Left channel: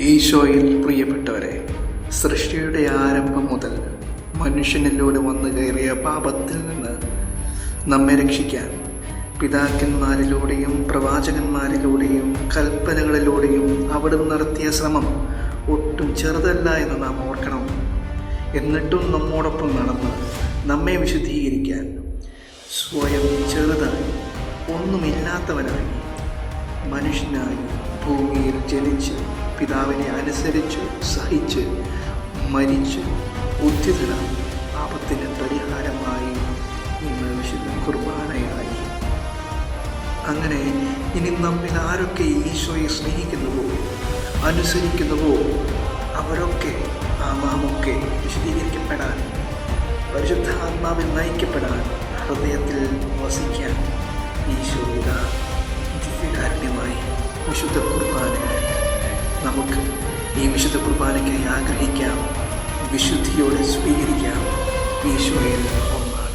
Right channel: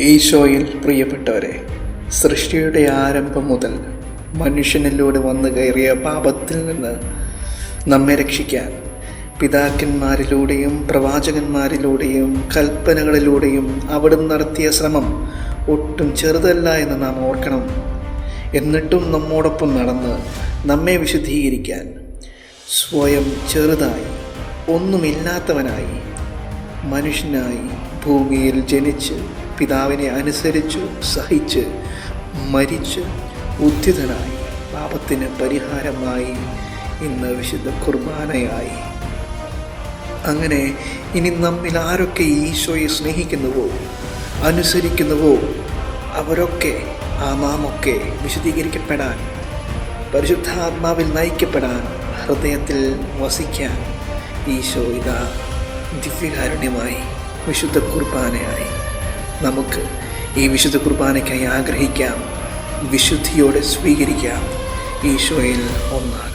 ഈശോയിൽ പ്രിയപ്പെട്ടവരെ, സൃഷ്ടിയുടെ ആരംഭം മുതൽ മനുഷ്യനിലൂടെ വന്നു കയറിയ പാപത്തിൽ നിന്ന് നമ്മെ രക്ഷിക്കാൻ പിതാക്കന്മാരിലൂടെയും പ്രവാചകന്മാരിലൂടെയും കൽപ്പനകളിലൂടെയും അവിടുന്ന് നടത്തിയ ശ്രമം ഒട്ടും ചെറുതല്ല എന്ന് നാം ഓർക്കണം. എന്നിട്ടും നമ്മോടൊപ്പം നടന്ന് നമ്മെ വിശുദ്ധീകരിക്കാൻ സ്വയം ചെറുതായി, ഒന്നുമില്ലാത്തവനായി, മനുഷ്യനായി ഭൂമിയിൽ ജനിച്ച് പിതാവിനെ അനുസരിച്ച് സഹിച്ച് മരിച്ച് ഉദ്ധിതനായി പാപത്തിന് പരിഹാരമായി ഇന്ന് വിശുദ്ധ കുർബാനയായി. അങ്ങനെ ഇനി നമ്മിൽ ആരൊക്കെ ഈശോയെ സ്നേഹിക്കുന്നുവോ അനുസരിക്കുന്നുവോ അവരൊക്കെ നാമൊക്കെ വിശുദ്ധീകരിക്കപ്പെടാൻ, പരിശുദ്ധാത്മാവിൽ നയിക്കപ്പെടാൻ, ഹൃദയത്തിൽ വസിക്കാൻ ഈശോ ഇതാ ദിവ്യകാരുണ്യമായി വിശുദ്ധ കുർബാനയായി. നമുക്ക് ഈ വിശുദ്ധ കുർബാനയ്ക്കായി ആഗ്രഹിക്കാം, വിശുദ്ധിയോടെ സ്വീകരിക്കാം, ഈശോയിൽ ഒന്നാണ്.